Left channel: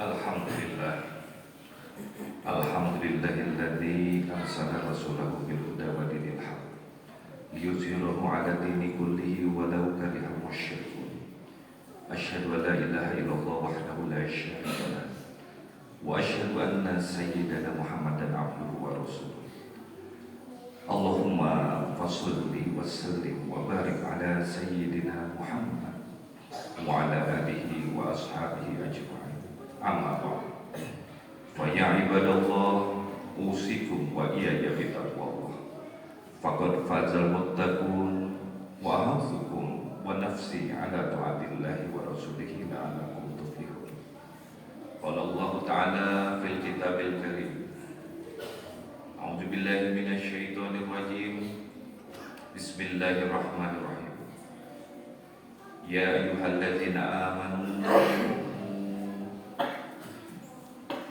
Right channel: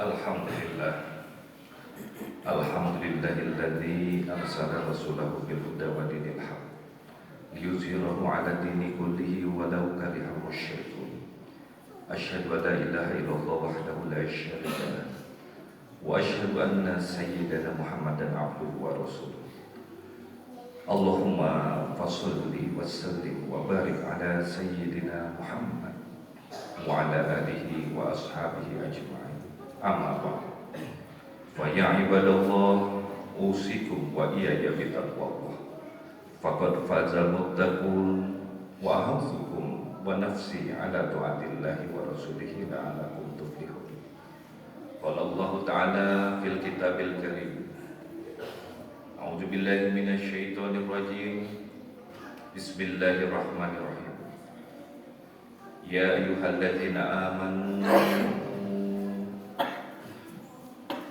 Alhamdulillah. Alhamdulillahilladzi arsala rasulahu bil huda wa dinil haq liyuzhirahu 'ala dini kullihi walau karihal musyrikun. Asyhadu an la ilaha illallah wahdahu la syarika lah wa asyhadu anna sayyidana Muhammadan abduhu wa rasuluh. Allahumma fasholli wa sallim wa barik ala sayyidina Muhammad wa ala alihi wa ashabihi ajma'in. Amma ba'd. Wa ya ibadallah, usikum wa iyaya bitaqwallah. Faqad fazal muttaqun wa ahadzukum wa nafsi ala ta'atillahi wa rasulihi la'alakum tuflihun. Qala Allah Ta'ala fil kitabil karim. A'udzu billahi minasy syaithanir rajim. Bismillahirrahmanirrahim. Ya ayyuhalladzina amanu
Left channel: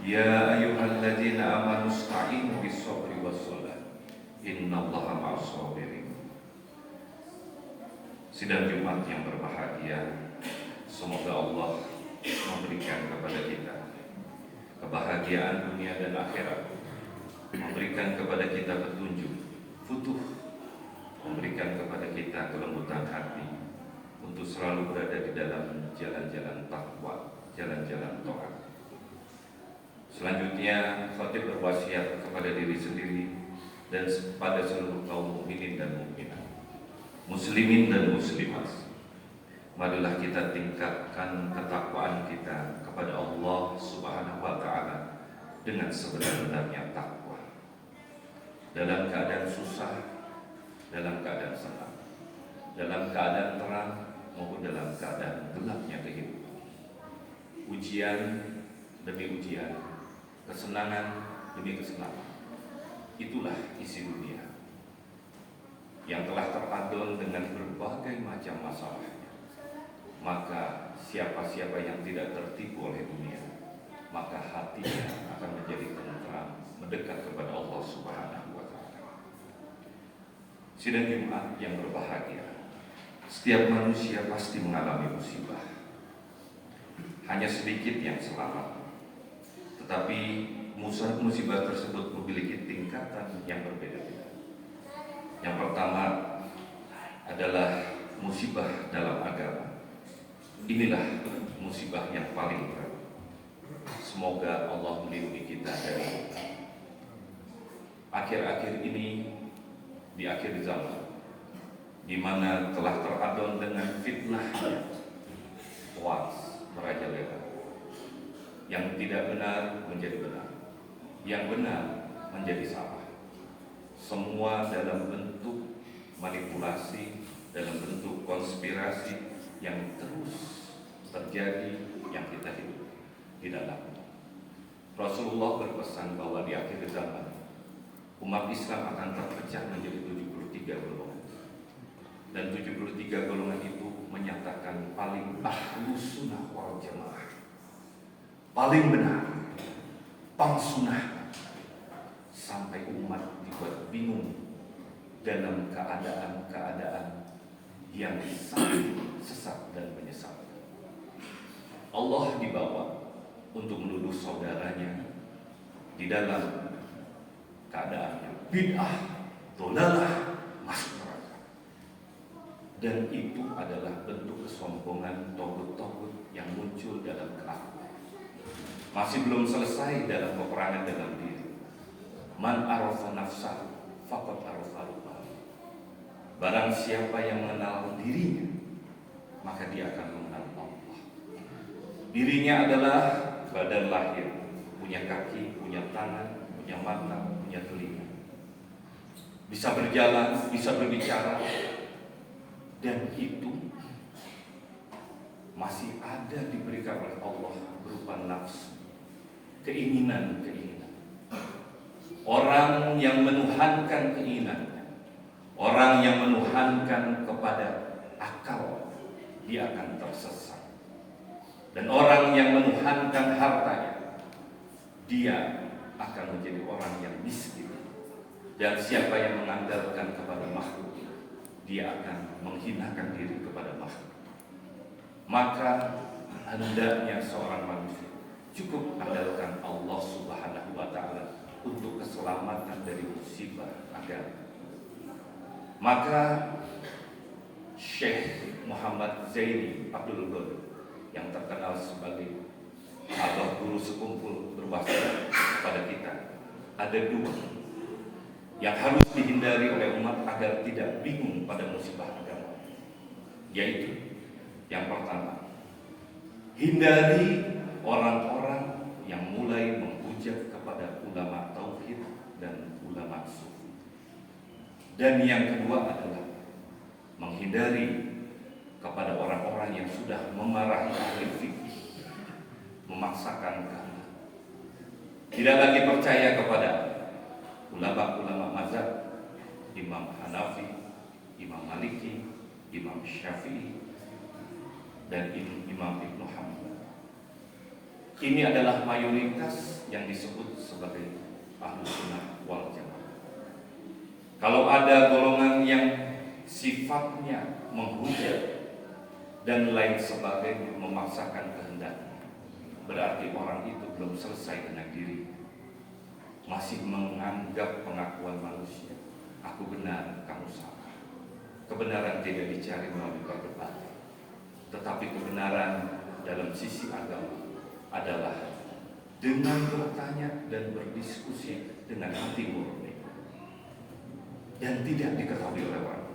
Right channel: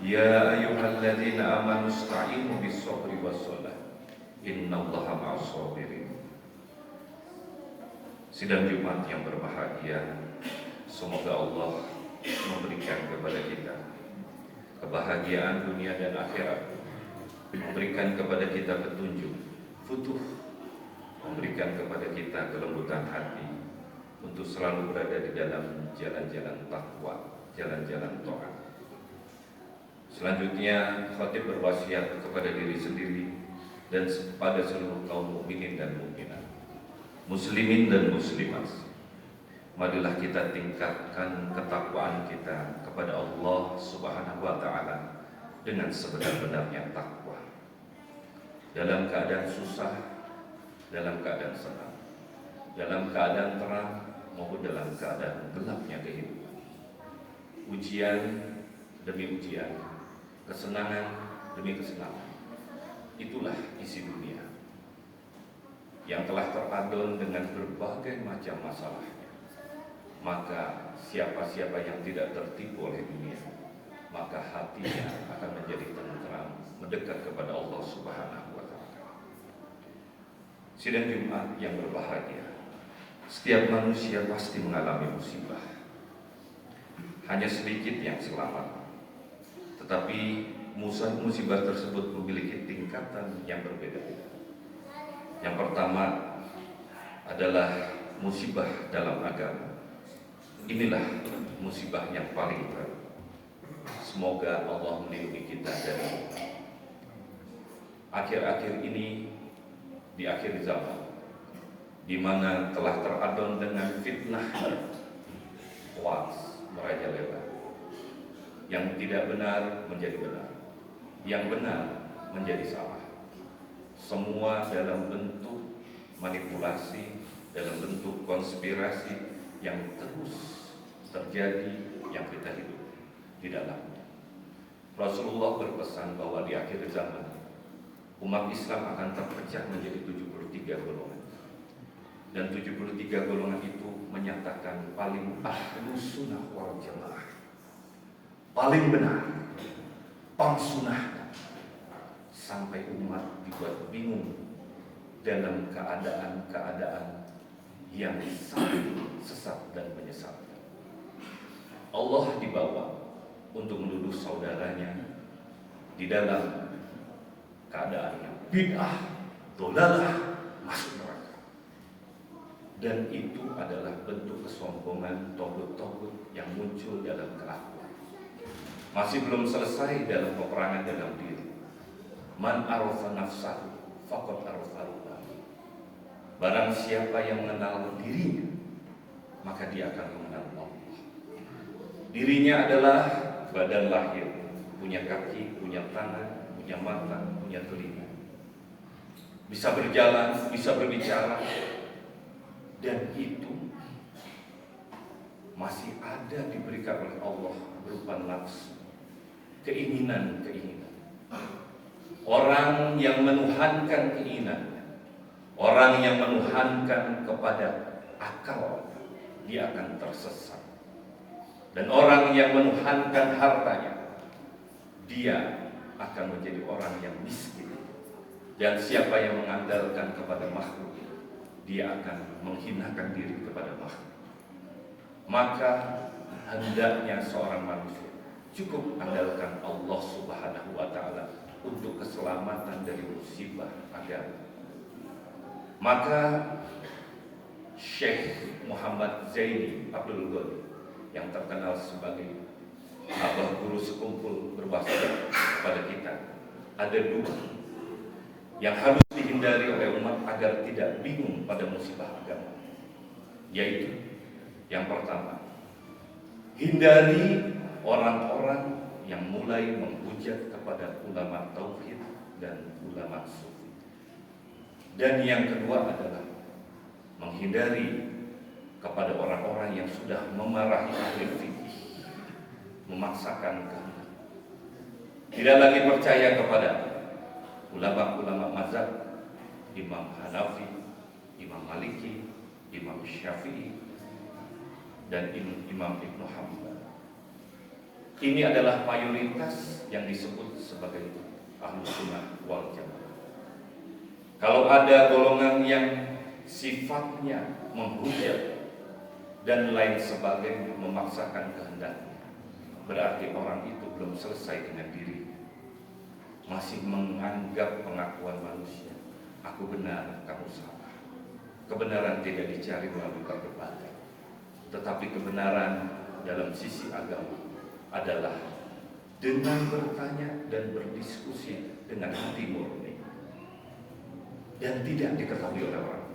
Ya ayyuhalladzina amanu ista'inu bis-sabri was-shalah. Innallaha ma'as sabirin. Sidang Jumat yang berbahagia, semoga Allah memberikan kepada kita kebahagiaan dunia dan akhirat, memberikan kepada kita petunjuk, futuh, memberikan kepada kita kelembutan hati untuk selalu berada di dalam jalan-jalan takwa, jalan-jalan taat. Selanjutnya, khatib berwasiat kepada diri sendiri dan pada seluruh kaum mukminin dan mukminat, muslimin dan muslimat. Marilah kita tingkatkan ketakwaan kita kepada Allah Subhanahu wa Ta'ala dengan sebenar-benarnya takwa. Dalam keadaan susah, dalam keadaan senang, dalam keadaan terang maupun dalam keadaan gelapnya kehidupan. Ujian demi ujian, kesenangan demi kesenangan. Itulah isi dunia yang telah teradon dengan berbagai macam masalahnya. Maka siapa-siapa yang tidak tertipu oleh dunia, maka hatinya akan menjadi tenteram, mendekat kepada Allah Subhanahu wa Ta'ala. Sidang Jumat yang berbahagia, setiap manusia pasti mengalami musibah. Hanya sedikit yang selamat, tetapi musibah tersebut memiliki tingkatan yang berbeda-beda. Yang pertama adalah musibah dalam agama. Inilah musibah yang paling berat. Semoga Allah melindungi kita dari akhir-akhir ini, di akhir zaman, di mana telah teradon dengan fitnah hoax merajalela. Yang tidak benar menjadi benar, yang benar menjadi salah. Semua dalam bentuk manipulasi, dalam bentuk konspirasi yang terus terjadi, yang kita hidup di dalamnya. Rasulullah berpesan bahwa di akhir zaman umat Islam akan terpecah menjadi 73 golongan. Dan 73 golongan itu menyatakan paling ahlus sunnah wal jamaah, paling benar, paling sunnah, sampai umat dibuat bingung dalam keadaan-keadaan yang sangat sesat dan menyesatkan. Allah dibawa untuk menuduh saudaranya di dalam keadaan yang bid'ah, dolalah, masuk neraka. Dan itu adalah bentuk kesombongan togut-togut yang muncul dalam kelakuan. Masih belum selesai dalam peperangan dalam diri. Man arafa nafsahu faqad arafa rabbahu. Barang siapa yang mengenal dirinya, maka dia akan mengenal Allah. Dirinya adalah badan lahir, punya kaki, punya tangan, punya mata, punya telinga, bisa berjalan, bisa berbicara, dan itu masih ada diberikan oleh Allah berupa nafsu, keinginan-keinginan. Orang yang menuhankan keinginan, orang yang menuhankan kepada akal, dia akan tersesat. Dan orang yang menuhankan hartanya, dia akan menjadi orang yang miskin. Dan siapa yang mengandalkan kepada makhluk, dia akan menghinakan diri kepada makhluk. Maka hendaknya seorang manusia cukup andalkan Allah Subhanahu wa Ta'ala untuk keselamatan dari musibah agama. Maka Syekh Muhammad Zaini Abdul Ghani yang terkenal sebagai abah guru sekumpul berwasiat kepada kita, ada dua yang harus dihindari oleh umat agar tidak bingung pada musibah agama, yaitu yang pertama, hindari orang-orang yang mulai menghujat kepada ulama tauhid dan ulama sufi. Dan yang kedua adalah menghindari kepada orang-orang yang sudah memarahi ahli fikih, memaksakan kehendak, tidak lagi percaya kepada ulama-ulama mazhab, Imam Hanafi, Imam Maliki, Imam Syafi'i, dan Imam Ibnu Hanbal. Ini adalah mayoritas yang disebut sebagai Ahlus Sunnah wal Jamaah. Kalau ada golongan yang sifatnya menghujat dan lain sebagainya, memaksakan kehendaknya, berarti orang itu belum selesai dengan dirinya, masih menganggap pengakuan manusia, aku benar, kamu salah. Kebenaran tidak dicari melalui perdebatan, tetapi kebenaran dalam sisi agama adalah dengan bertanya dan berdiskusi dengan hati murni dan tidak diketahui oleh orang.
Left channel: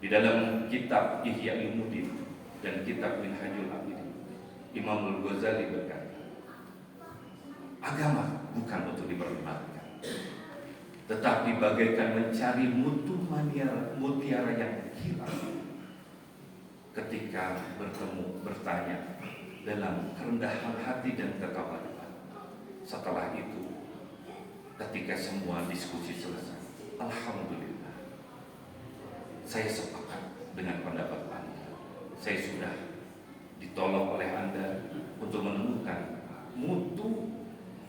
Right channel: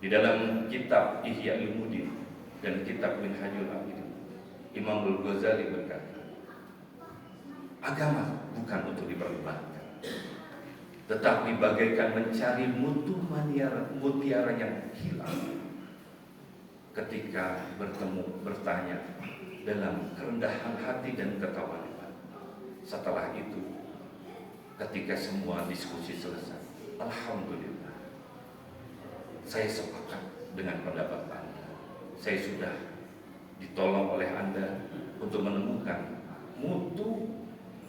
Di dalam kitab Ihya Ulumuddin dan kitab Minhajul Abidin, Imam Al-Ghazali berkata, agama bukan untuk diperdebatkan, tetapi bagaikan mencari mutu mutiara yang hilang ketika bertemu, bertanya dalam kerendahan hati dan ketawaduan. Setelah itu, ketika semua diskusi selesai, alhamdulillah, saya sepakat dengan pendapat Anda. Saya sudah ditolong oleh Anda untuk menemukan mutu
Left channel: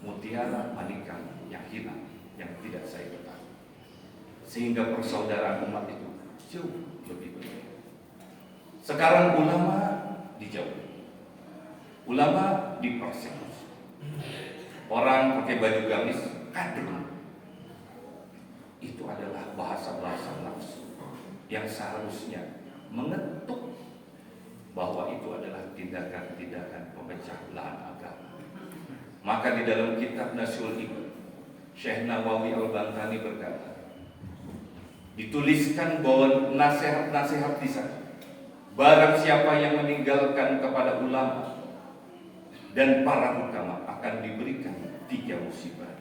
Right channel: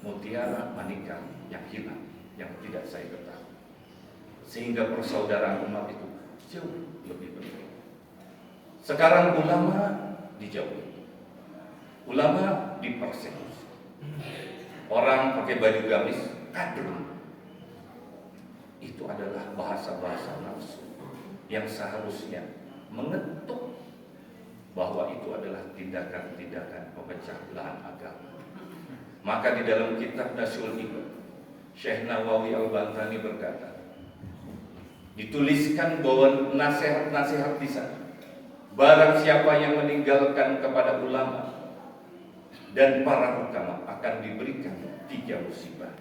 mutiara manika yang hilang, yang tidak saya ketahui, sehingga persaudaraan umat itu jauh lebih baik. Sekarang ulama dijauhi, ulama dipersekusi, orang pakai baju gamis kadrun. Itu adalah bahasa-bahasa nafsu yang seharusnya mengetuk bahwa itu adalah tindakan-tindakan pemecah belah agama. Maka di dalam kitab Nasyul Iman, Syekh Nawawi Al-Bantani berkata, dituliskan bahwa nasihat-nasihat di sana, barang siapa yang meninggalkan kepada ulama dan para ulama akan diberikan 3 musibah.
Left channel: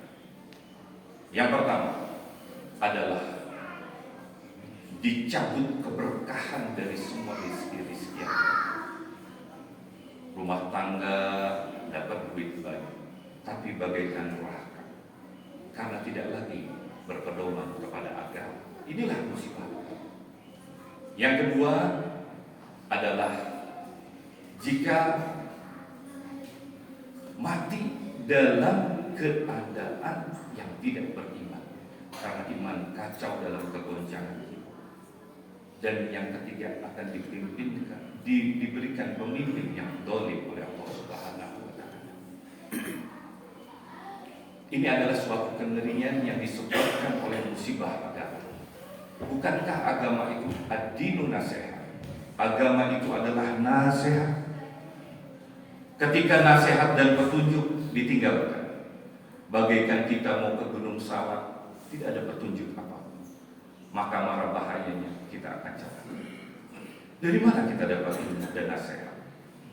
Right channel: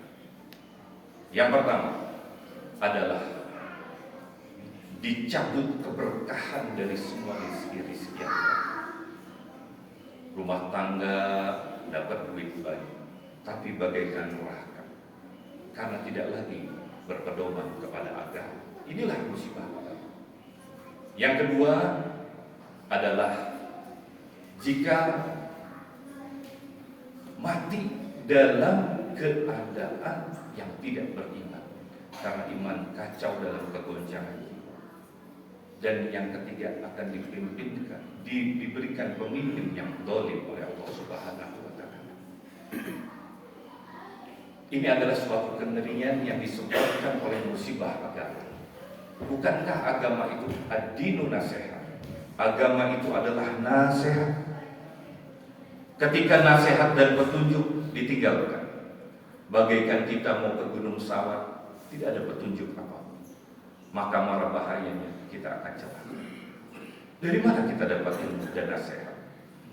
Yang pertama adalah dicabut keberkahan dari semua rezeki-rezeki. Rumah tangga dapat duit banyak, tapi bagaikan neraka karena tidak lagi berpedoman kepada agama. Inilah musibah. Yang kedua adalah jika mati dalam keadaan yang tidak beriman, karena iman kacau dalam kegoncangan. Dan yang ketiga akan diberikan pemimpin yang zalim oleh Allah Subhanahu wa Ta'ala. Ini adalah suatu kengerian yang disebabkan oleh musibah agama. Bukankah agama itu ad-dinu nasihat? Agama itu adalah nasihat. Ketika nasihat dan petunjuk ditinggalkan, bagaikan kita mau ke Gunung Salak, tidak ada petunjuk apa, maka marah bahayanya kita akan celaka. Dari mana kita dapat ilmu dan nasihat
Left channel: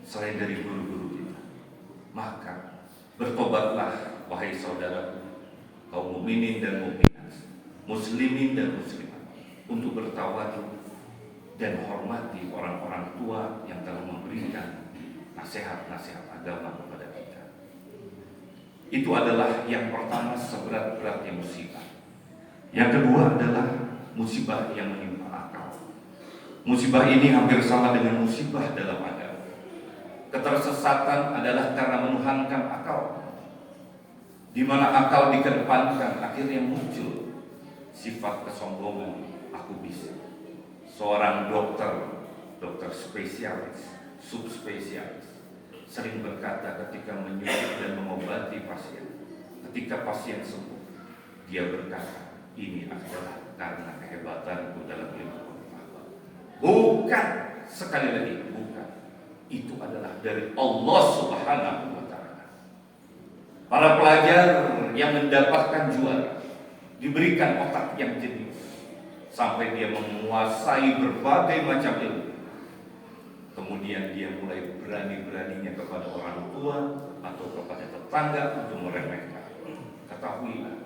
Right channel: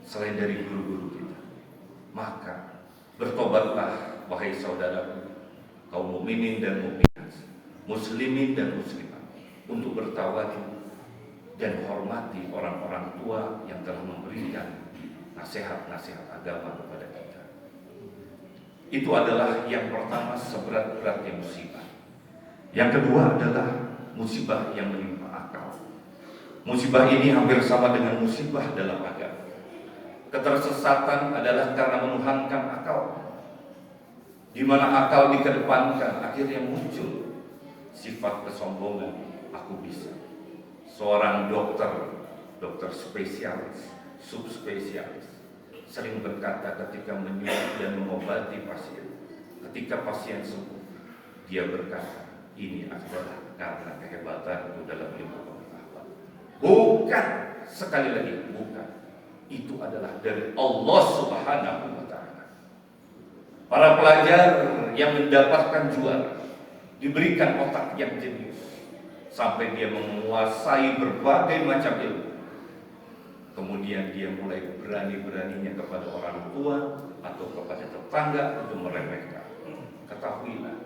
selain dari guru-guru kita? Maka bertobatlah wahai saudaraku, kaum mukminin dan mukminat, muslimin dan muslimat, untuk bertawadu dan hormati orang-orang tua yang telah memberikan nasihat-nasihat agama kepada kita. Itu adalah yang pertama, seberat-beratnya musibah. Yang kedua adalah musibah yang menimpa akal. Musibah ini hampir sama dengan musibah dalam agama. Ketersesatan adalah karena menuhankan akal, di mana akal dikedepankan, akhirnya muncul sifat kesombongan, aku bisa. Seorang dokter spesialis, subspesialis, sering berkata ketika menyulit dan mengobati pasien, ketika pasien sembuh, dia berkata, ini adalah karena kehebatanku dalam ilmu pengetahuan. Bukan, sekali lagi bukan. Itu adalah dari Allah Subhanahu wa Ta'ala. Para pelajar yang mendapatkan juara diberikan otak yang jenius sampai dia menguasai berbagai macam ilmu. Kemudian dia mulai berani-beraninya kepada orang tua atau kepada tetangga untuk meremehkan. Ketahuilah,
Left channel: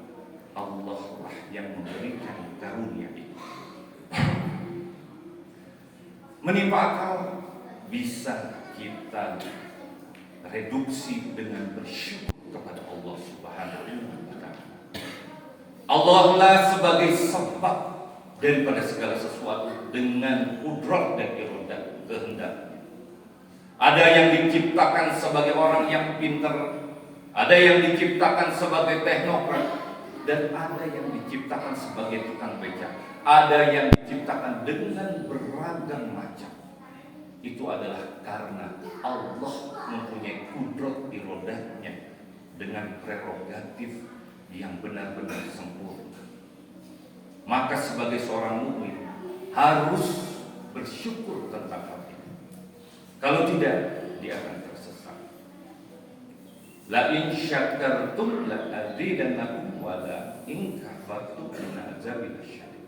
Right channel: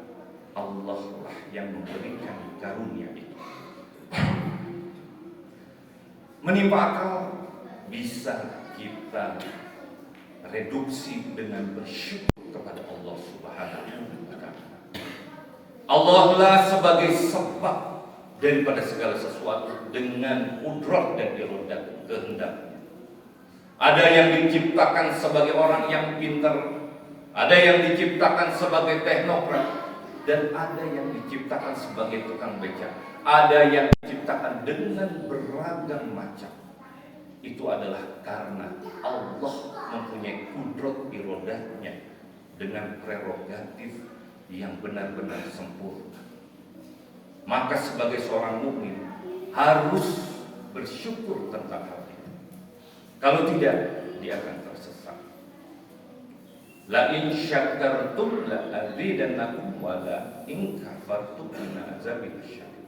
Allah lah yang memberikan karunia itu. Menimpa akal bisa kita reduksi dengan bersyukur kepada Allah Subhanahu wa Ta'ala. Allah lah sebagai sebab daripada segala sesuatu dengan kudrat dan iradah kehendaknya. Ada yang diciptakan sebagai orang yang pintar, ada yang diciptakan sebagai teknokrat, dan ada yang diciptakan sebagai tukang becak. Ada yang diciptakan dengan beragam macam. Itu adalah karena Allah mempunyai kudrat iradahnya dengan prerogatif yang benar-benar sempurna. Maka sebagai seorang mukmin harus bersyukur tentang hal itu. Kalau tidak, dia akan tersesat. La in syakartum la azidannakum wa la in kafartum inna azabi lasyadid.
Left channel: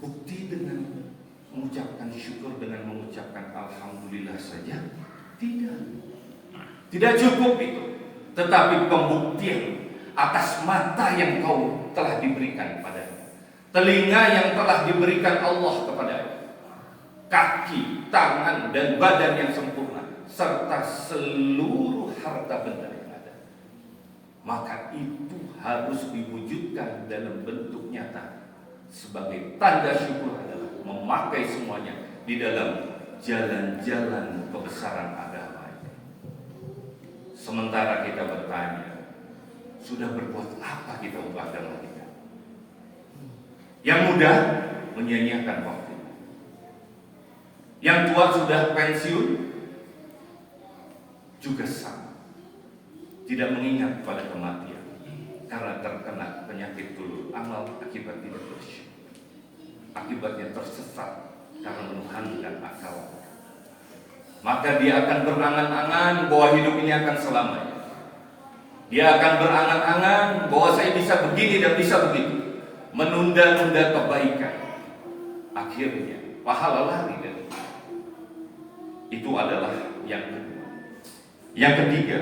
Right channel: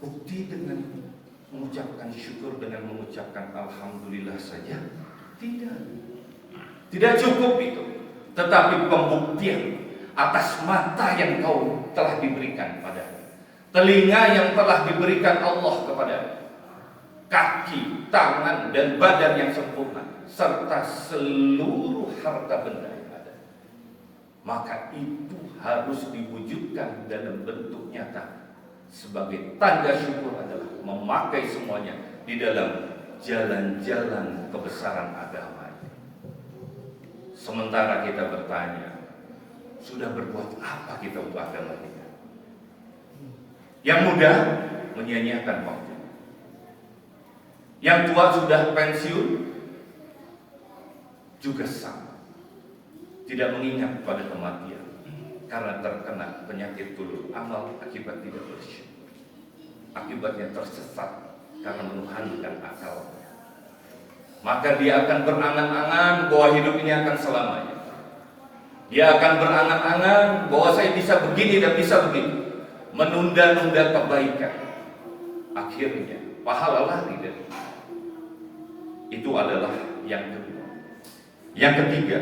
Bukti dengan mengucapkan syukur dengan mengucapkan alhamdulillah saja tidak cukup itu, tetapi pembuktian atas mata yang kau telah diberikan padanya, telinga yang telah diberikan Allah kepadanya, kaki, tangan dan badan yang sempurna, serta seluruh harta benda yang ada. Maka itu harus diwujudkan dalam bentuk nyata. Sebagai tanda syukur adalah memakai semuanya di dalam jalan-jalan kebesaran agama ini. Sementara kita bertanya, sudah berbuat apa kita untuk agama kita? Yang muda menyia-nyiakan waktu. Yang tua sudah pensiun juga sama, tidak mengingat pada kematian karena terkena penyakit dulu amal akibat tidak bersyukur. Akibatnya tersesat karena menghantam akal. Maka dia akan berangan-angan bahwa hidup ini akan selamanya. Dia akan berangan-angan bahwa saya bisa begini dan bisa begitu, menunda-nunda kebaikan. Akhirnya pahala lari dari itu adalah yang kedua. Yang ketiga,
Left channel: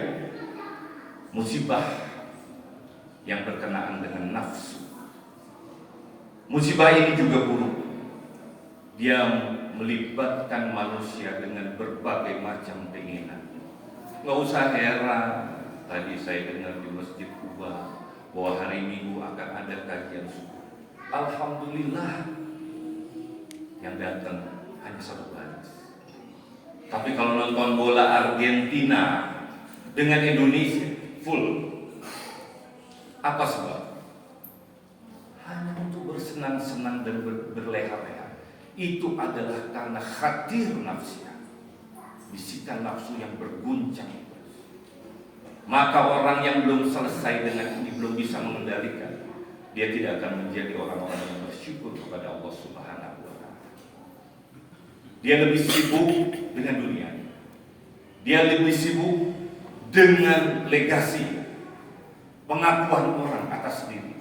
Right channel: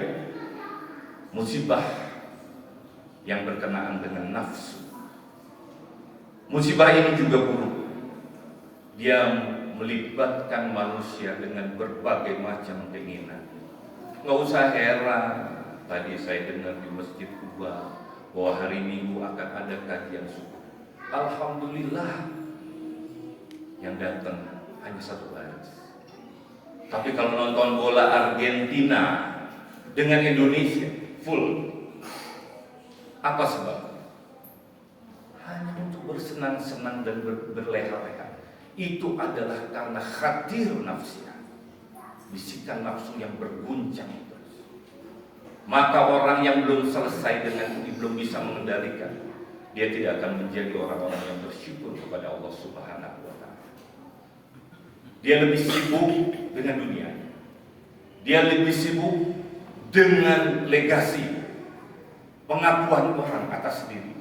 musibah yang berkenaan dengan nafsu. Musibah ini juga buruk. Dia melibatkan manusia dengan berbagai macam keinginan. Nggak usah heran, tadi saya dengar di Masjid Kuba bahwa hari Minggu akan ada kajian subuh. Alhamdulillah, yang datang hanya satu baris. Tapi kalau nonton bola Argentina dengan Indonesia full. Apa sebab? Hanya untuk bersenang-senang dan berleha-leha. Itu adalah karena khatir nafsu, bisikan nafsu yang berguncang terus. Maka orang yang belum selesai dengan ini, belum bisa mengendalikan, dia tidak akan menjadi orang-orang yang bersyukur kepada Allah Subhanahu wa Ta'ala. Dia lebih sibuk dengan dunia. Dia lebih sibuk dengan legasi, pengakuan orang atas diri.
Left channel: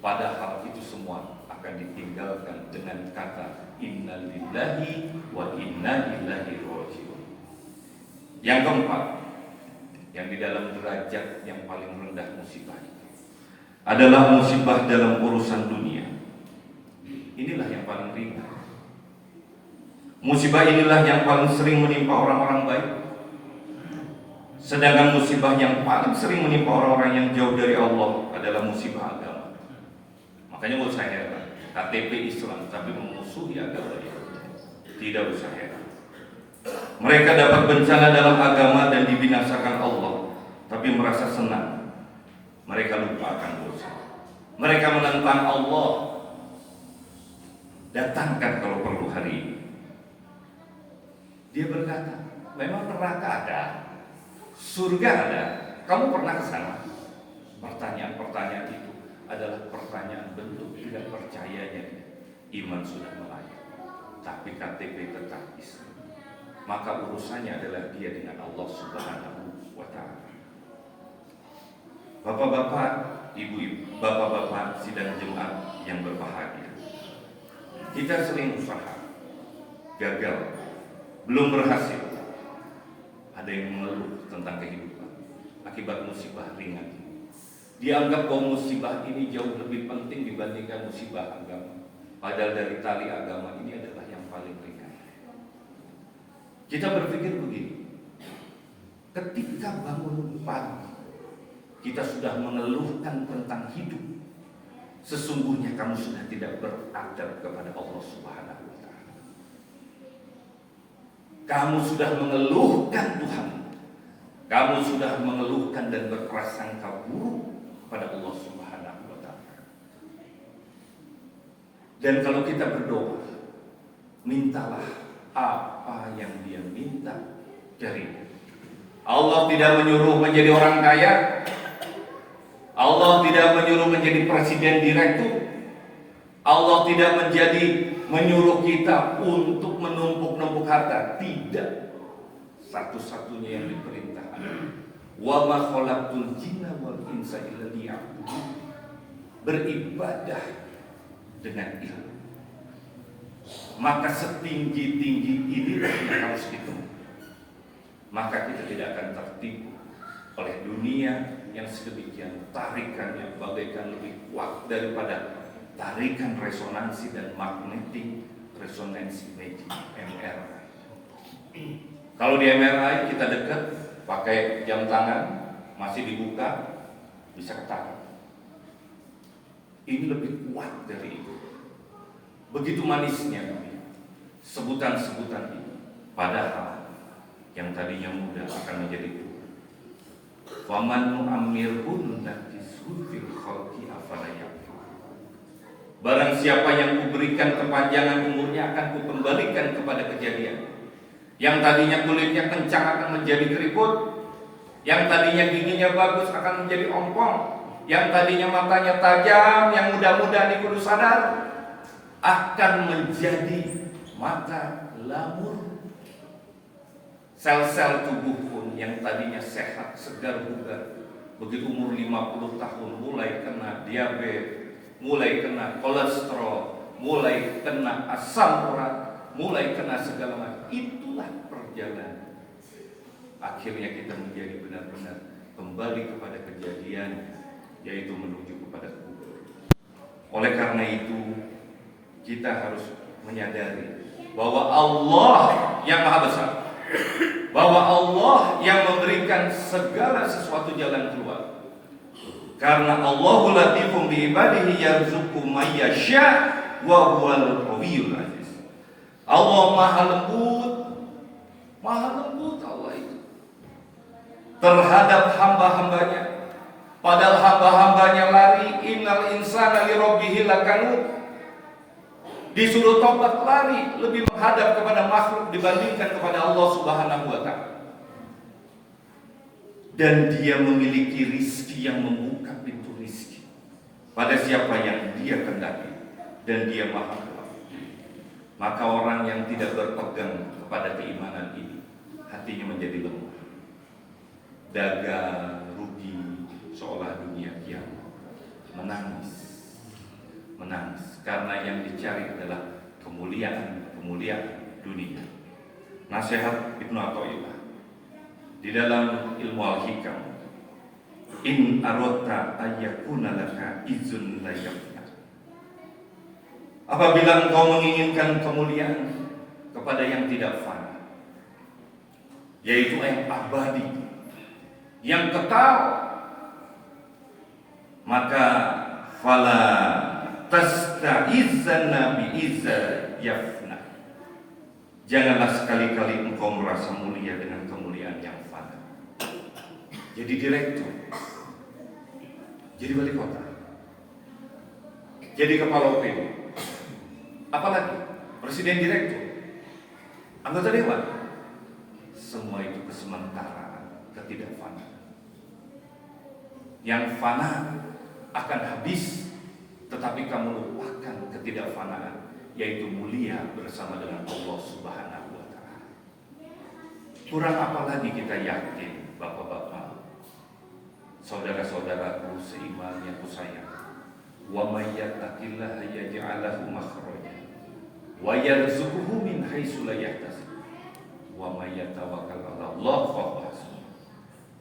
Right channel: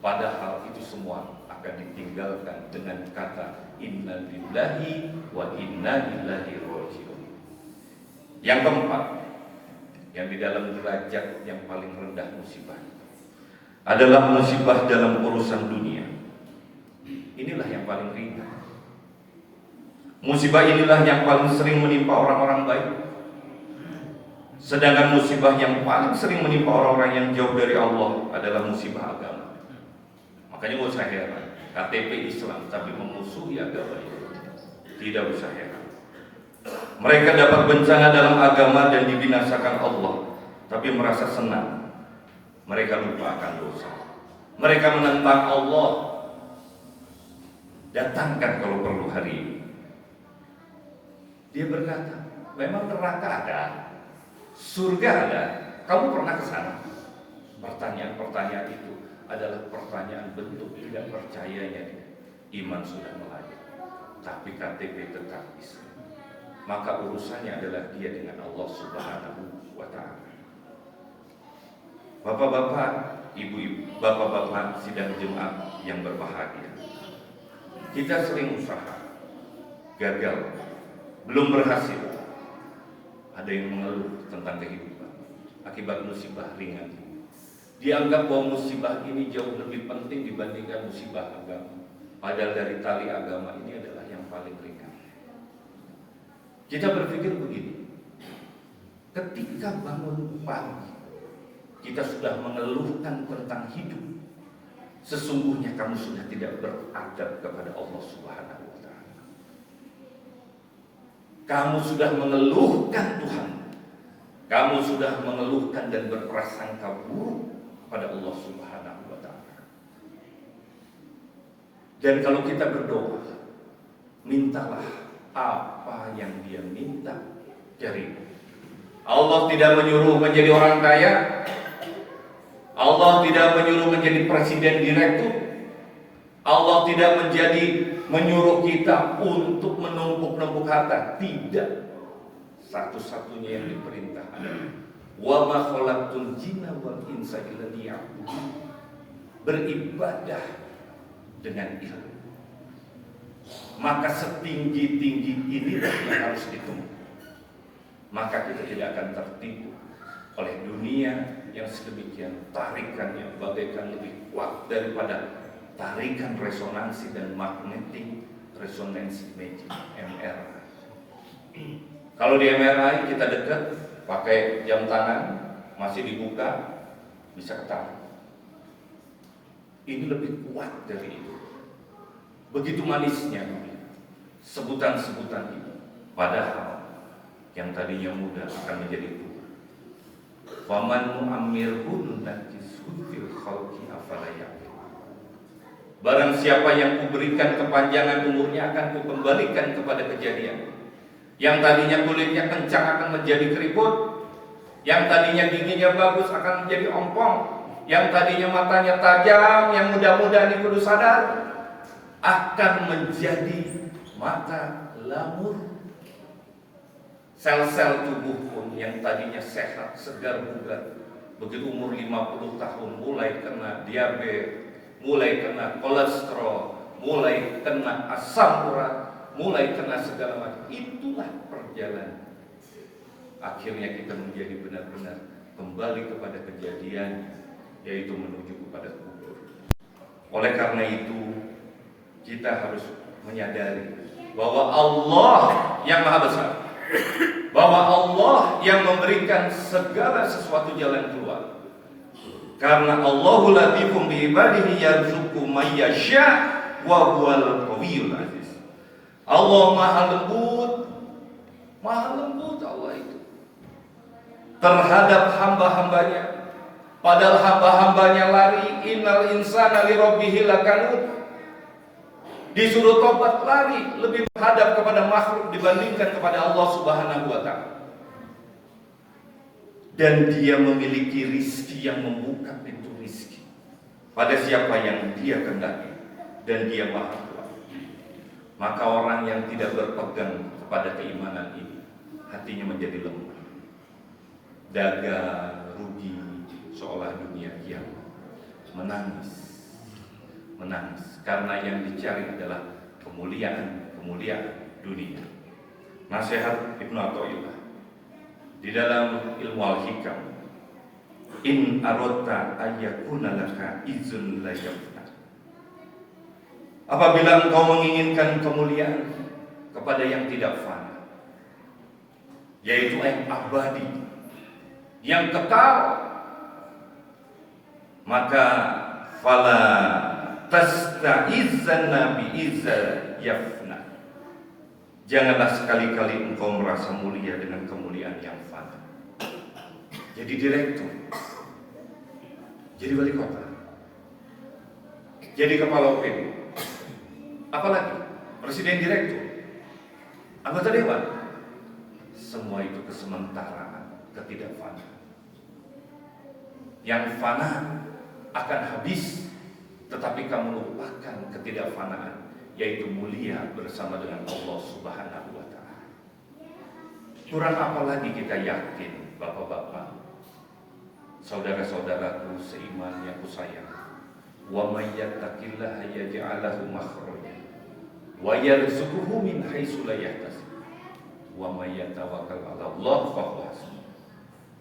Padahal itu semua akan ditinggalkan dengan kata inna lillahi wa inna ilaihi raji'un. Yang keempat, yang di dalam derajat yang paling rendah musibah adalah musibah dalam urusan dunia. Inilah yang paling ringan. Musibah inilah yang paling sering menimpa orang-orang baik. Sedangkan musibah yang paling sering menimpa orang-orang yang jauh dari Allah adalah musibah agama. Makanya gak usah heran, KTP Islam tapi memusuhi agama itu. Tidak usah heran. Mereka dapat bencana dalam agama dan dibinasakan Allah, tapi merasa senang. Mereka lupa akan dosa. Mereka menentang Allah. Datangkan kalau perlu hari ini. Dia berkata, Memang neraka ada, surga ada. Kamu pernah ke sana? Pertanyaan-pertanyaan itu adalah pertanyaan bentuk tidak percayanya. Iman sudah melayang, tapi KTP tetap Islam. Maka urusannya adalah dia dengan Allah Subhanahu wa Ta'ala. Bapak-bapak, ibu-ibu, bapak-bapak sidang jemaat yang berbahagia, kita sering usaha, gagal, belum berhasil. Ada yang mengeluh tentang kehidupan akibat musibah ringan. Dianggap bahwa musibah ini jauh lebih penting dibandingkan musibah agama. Padahal dari tali agama ini adalah yang paling ringan. Kita berpikir begini, ketika bangun pagi, kita sudah mengeluhkan tentang hidup. Sesungguhnya kamu sudah tidak beradab kepada Allah Subhanahu wa Ta'ala. Kamu sudah mengeluhkan Tuhan. Kamu sudah mengeluhkan dan berprasangka buruk kepada Allah Subhanahu wa Ta'ala. Dan kalau kita berdoa, mintalah apa yang dia minta dari Allah. Tidak menyuruh menjadi orang kaya. Allah tidak menyuruh menjadi presiden direktur. Allah tidak menyuruh kita untuk menumpuk-numpuk harta. Tidak. Satu-satunya yang diperintah adalah wa ma khalaqtul jinna wal insa illa liya'budun. Beribadah dengan ilmu. Maka setinggi-tinggi inilah yang harus ditemui. Maka kita tidak akan tertipu oleh dunia yang sedemikian tarikannya bagaikan lebih kuat daripada tarikan resonansi dan magnetic resonance imaging MRI. Kalau di MRI kita dekat pakai jam tangan masih dibuka bisa ketahuan. Ini lebih kuat dari itu. Begitu manisnya sebutan-sebutan ini. Padahal yang tadinya muda akan menjadi tua. Faman mu'ammirhu nakishu fil khalqi afala ya'qilun. Barang siapa yang kuberikan kepanjangan umurnya akan kukembalikan kepada kejadian. Yang tadinya kulitnya kencang akan menjadi keriput. Yang tadinya giginya bagus akan menjadi ompong. Yang tadinya matanya tajam, yang muda-muda ini kudu sadar, akan menjadi mata lamur. Sel-sel tubuh pun yang tadinya sehat, segar bugar, begitu umur 50 tahun mulai kena diabetes, mulai kena kolesterol, mulai kena asam urat, mulai kena segala macam. Itulah perjalanan. Akhirnya kita menjadi benar-benar kembali kepada kejadian, yaitu menuju kepada kubur. Oleh karena itu, kita harus menyadari bahwa Allah yang Maha Besar, bahwa Allah yang memberikan segala sesuatu jalan keluar. Karena Allahu latifum bi ibadihi yarzuqu may yasha wa huwal qawiyyul aziz. Allah Maha lembut Allah itu terhadap hamba-hambanya. Padahal hamba-hambanya lari, innal insana li rabbih lakanud. Disuruh tobat lari, lebih menghadap kepada makhluk dibandingkan kepada Allah Subhanahu wa Ta'ala. Dan dia memiliki rizki yang membuka pintu rizki pada siapa yang dia kehendaki, dan dia Maha Kuasa. Maka orang yang tidak berpegang kepada keimanan ini, hatinya menjadi lemah, dagang, rugi, seolah dunia kiamat. Menangis karena yang dicari adalah kemuliaan dunia. Nasihat Ibnu Athaillah di dalam Ilmu Al-Hikam, in aradta ayyakuna laka izun la yafna. Apabila engkau menginginkan kemuliaan kepada yang tidak fana, yaitu yang abadi, yang kekal, maka fala tasta'izzanna bi'izza yafna. Janganlah sekali-kali engkau merasa mulia dengan kemuliaan yang fana. Jadi direktur, jadi wali kota, jadi kepala OPD, apalagi presiden direktur, anggota dewan, semua itu kesementaraan, ketidakfanaan. Yang fana akan habis, tetapi kamu lupakan ketidakfanaan, yaitu mulia bersama dengan Allah Subhanahu wa Ta'ala. Kurang apa lagi kita yakin, bapak-bapak, saudara-saudaraku seiman yang kusayang, wa may yattaqillaha yaj'al lahu makhraja wa yarzuqhu min haitsu la yahtasib wa may yatawakkal 'ala Allah fa huwa hasbuh.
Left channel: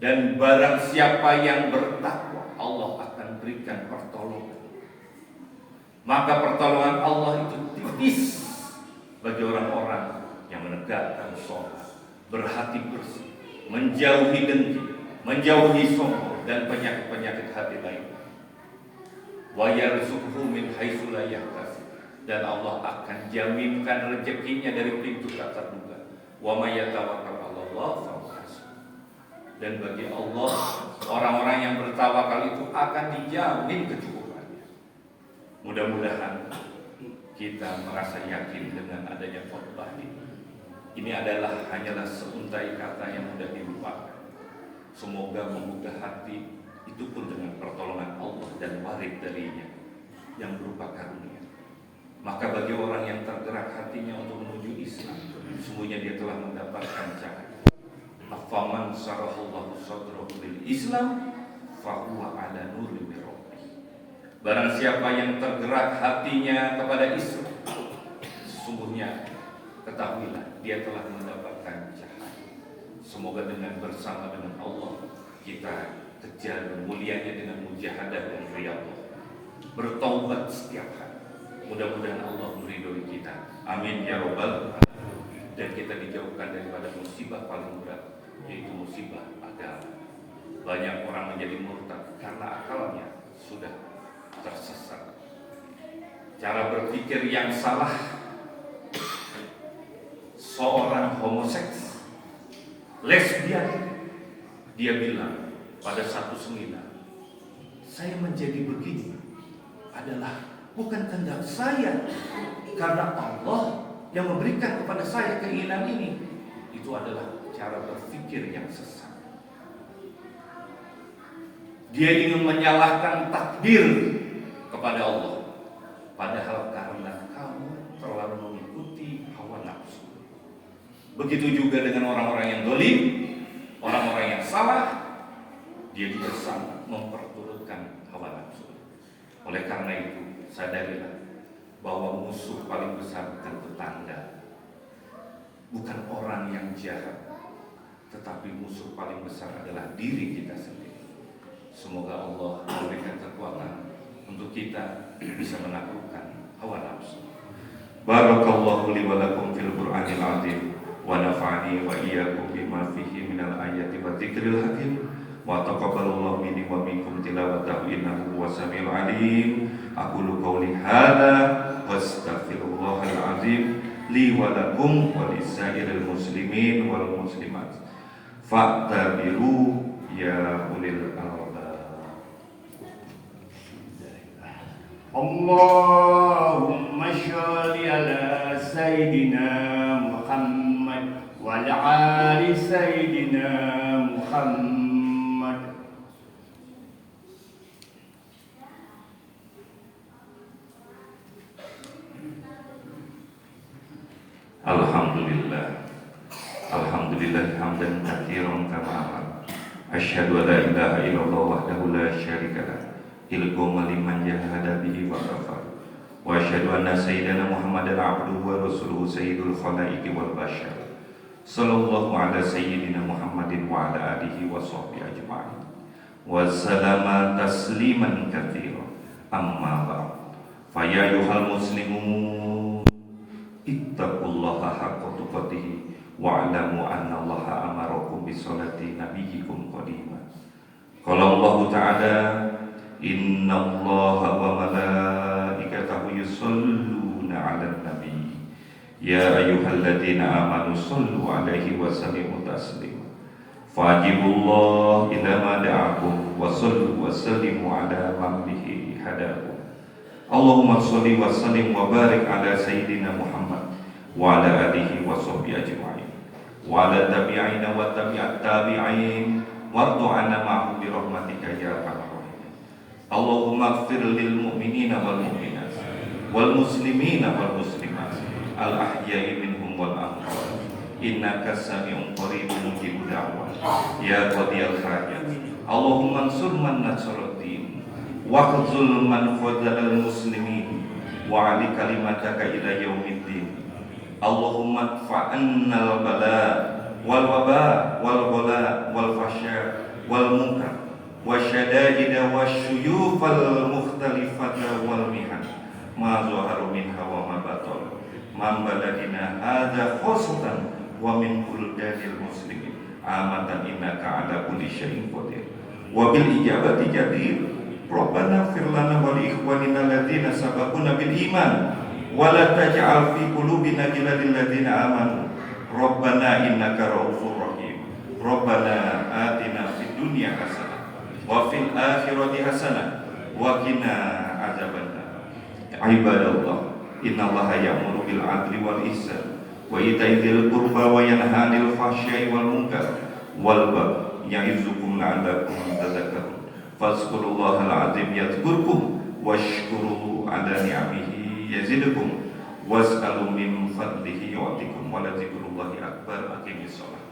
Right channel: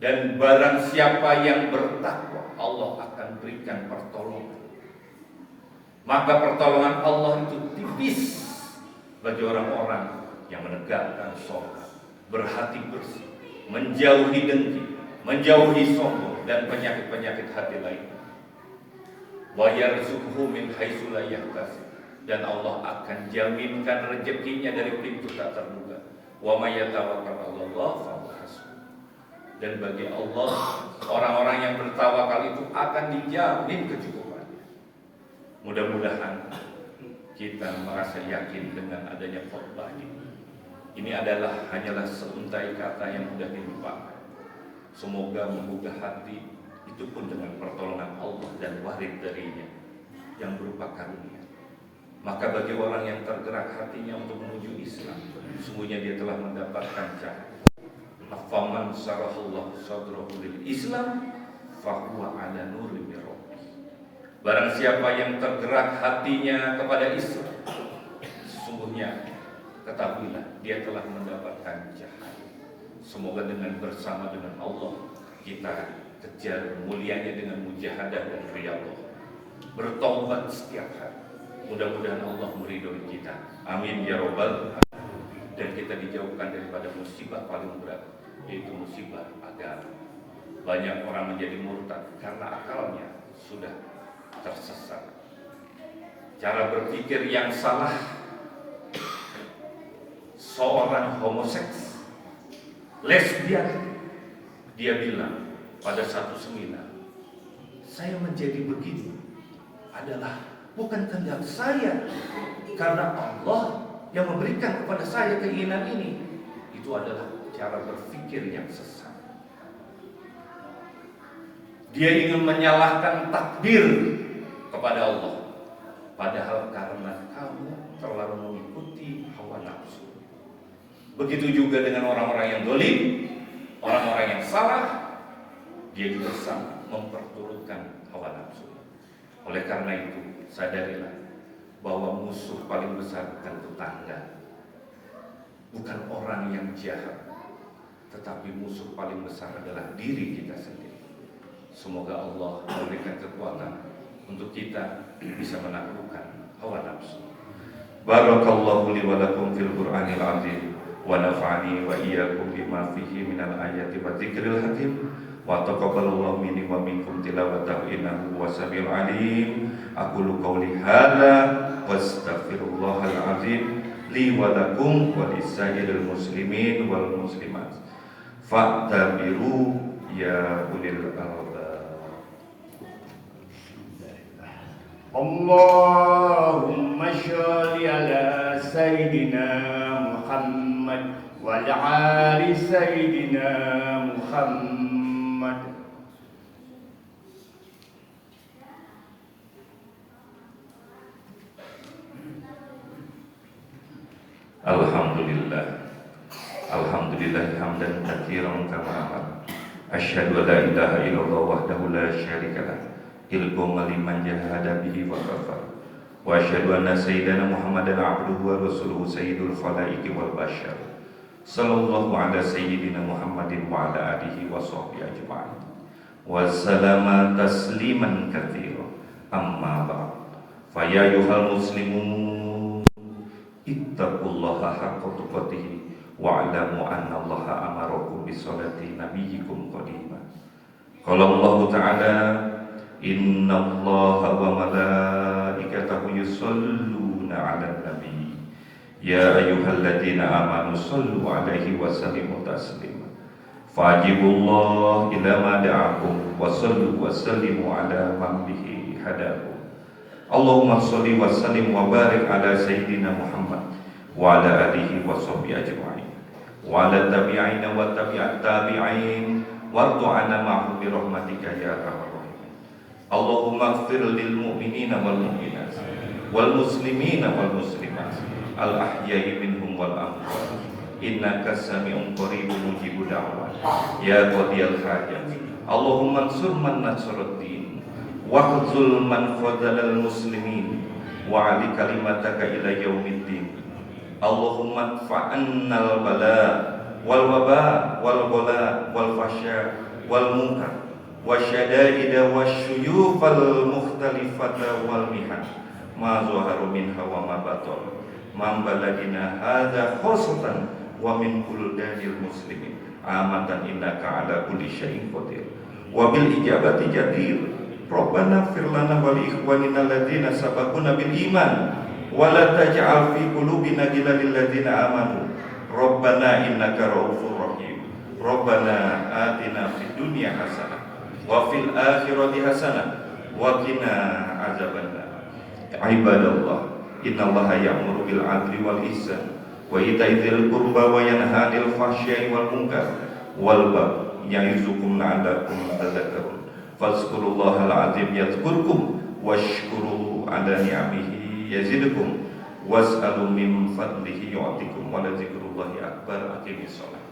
Dan barang siapa yang bertakwa, Allah akan berikan pertolongan. Maka pertolongan Allah itu tipis bagi orang-orang yang menegakkan sholat, berhati bersih, menjauhi dengki, menjauhi sombong dan penyakit-penyakit hati lain. Wa yarzuqhu min haitsu la yahtasib, dan Allah akan jaminkan rezekinya dari pintu tak terduga. Wa may yatawakkal 'ala Allah fa huwa hasbuh. Dan bagi Allah, orang-orang yang bertawakal itu akan dijamin kecukupannya. Mudah-mudahan kita merasa yakin dengan adanya khotbah ini. Ini adalah hanyalah seuntai kata yang mudah dilupakan. Semoga menggugah hati, itu pun dengan pertolongan Allah dan warid darinya yang berupa karunia. Maka bagi orang yang tergerak hatinya untuk menuju Islam, sungguhnya dia telah mendapatkan cahaya. Afaman sarahallahu sadrahu lil Islam fahuwa ala nurin min rabbih. Barang siapa yang tergerak hatinya kepada Islam, sungguhnya ketahuilah dia telah mendapatkan cahaya. Semoga dengan bersama dengan Allah kita kejar mulianya dengan mujahadah dan riyadhah, bertaubat setiap hari. Mudah-mudahan Allah meridhoi kita. Amin ya rabbal alamin. Dan kita dijauhkan daripada musibah paling berat, yaitu musibah agama. Banyak orang menjadi murtad karena akalnya sudah tersesat. Cara berpikir yang salah. Seorang homoseks, lesbian, dia bilang pada satu seminar, saya menjadi begini adalah bukan kehendak saya, karena Allah yang memberikan kepada saya keinginan ini. Itu adalah cara berpikir yang sesat. Dia ingin menyalahkan takdir kepada Allah, padahal karena kamu terlalu mengikuti hawa nafsu. Begitu juga dengan orang-orang yang dolim, orang-orang yang salah, dia juga sama memperturutkan hawa nafsu. Oleh karena itu, sadarilah bahwa musuh paling besar bukan tetangga, bukan orang yang jahat, tetapi musuh paling besar adalah diri kita sendiri. Semoga Allah memberikan kekuatan untuk kita bisa menaklukkan hawa nafsu. Barakallahu li wa lakum fil Qur'anil azim wa nafa'ani wa iyyakum bima fihi minal ayati wa dzikril hakim wa taqabbalallahu minni wa minkum tilawatahu innahu was-sami'ul 'alim. Aqulu qawli hadza wastaghfirullahal azim li wa lakum wa lisairil muslimin wal muslimat. Fa'tabiru ya ulil albab. Allahumma sholli ala sayyidina Muhammad wa ala ali sayyidina Muhammad. Alhamdulillah, alhamdulillah hamdan katsiran kama asyhadu an la ilaha illallah wahdahu la syarika lah ilmu liman jahada bihi wa kafar wa asyhadu anna sayyidina Muhammadan abduhu wa rasuluhu sayyidul khalaiqi wal bashar sallallahu ala sayyidina Muhammadin wa ala alihi wa sahbihi ajma'in wa sallama tasliman katsiran amma ba'd. Fa ya ayyuhal muslimun ittaqullaha haqqa tuqatih wa'lamu anna Allaha amarakum bisolati nabiyyikum qadima. Qala Allah Ta'ala inna Allaha wa malaikatahu yusholluna 'alan nabi ya ayyuhalladzina amanu shollu 'alaihi wa sallimu taslima. Fajibullah ila ma da'akum wa sallu wa sallimu 'ala man bihi hadakum. Allahumma sholli wa sallim wa barik ala sayyidina Muhammad wa ala alihi wa sahbihi ajma'in. وعلى التابعين وتابع التابعين وارض عنا معهم برحمتك يا ارحم الراحمين. اللهم اغفر للمؤمنين والمؤمنات والمسلمين والمسلمات الأحياء منهم والأموات إنك سميع قريب مجيب دعوات يا قاضي الحاجات. اللهم انصر من نصر الدين واخذل من خذل المسلمين وعلي كلمتك إلى يوم الدين. اللهم ادفع عنا البلاء والوباء والغلاء والفحشاء والمنكر والشدائد والشيوخ المختلفة والمحن ما ظهر منها وما بطن من بلدنا هذا خاصة ومن بلدان المسلمين عامة إنك على كل شيء قدير وبالإجابة جدير. ربنا اغفر لنا ولإخواننا الذين سبقونا بالإيمان ولا تجعل في قلوبنا غلا للذين آمنوا ربنا إنك رؤوف رحيم. ربنا آتنا في الدنيا حسنة وفي الآخرة حسنة وقنا عذاب النار. عباد الله إن الله يأمر بالعدل والإحسان وإيتاء ذي القربى وينهى عن الفحشاء والمنكر والبغي يعظكم لعلكم تذكرون. فاذكروا الله العظيم يذكركم واشكروا على نعمه يزدكم واسألوا من فضله يعطيكم ولذكر الله أكبر. أقيموا الصلاة.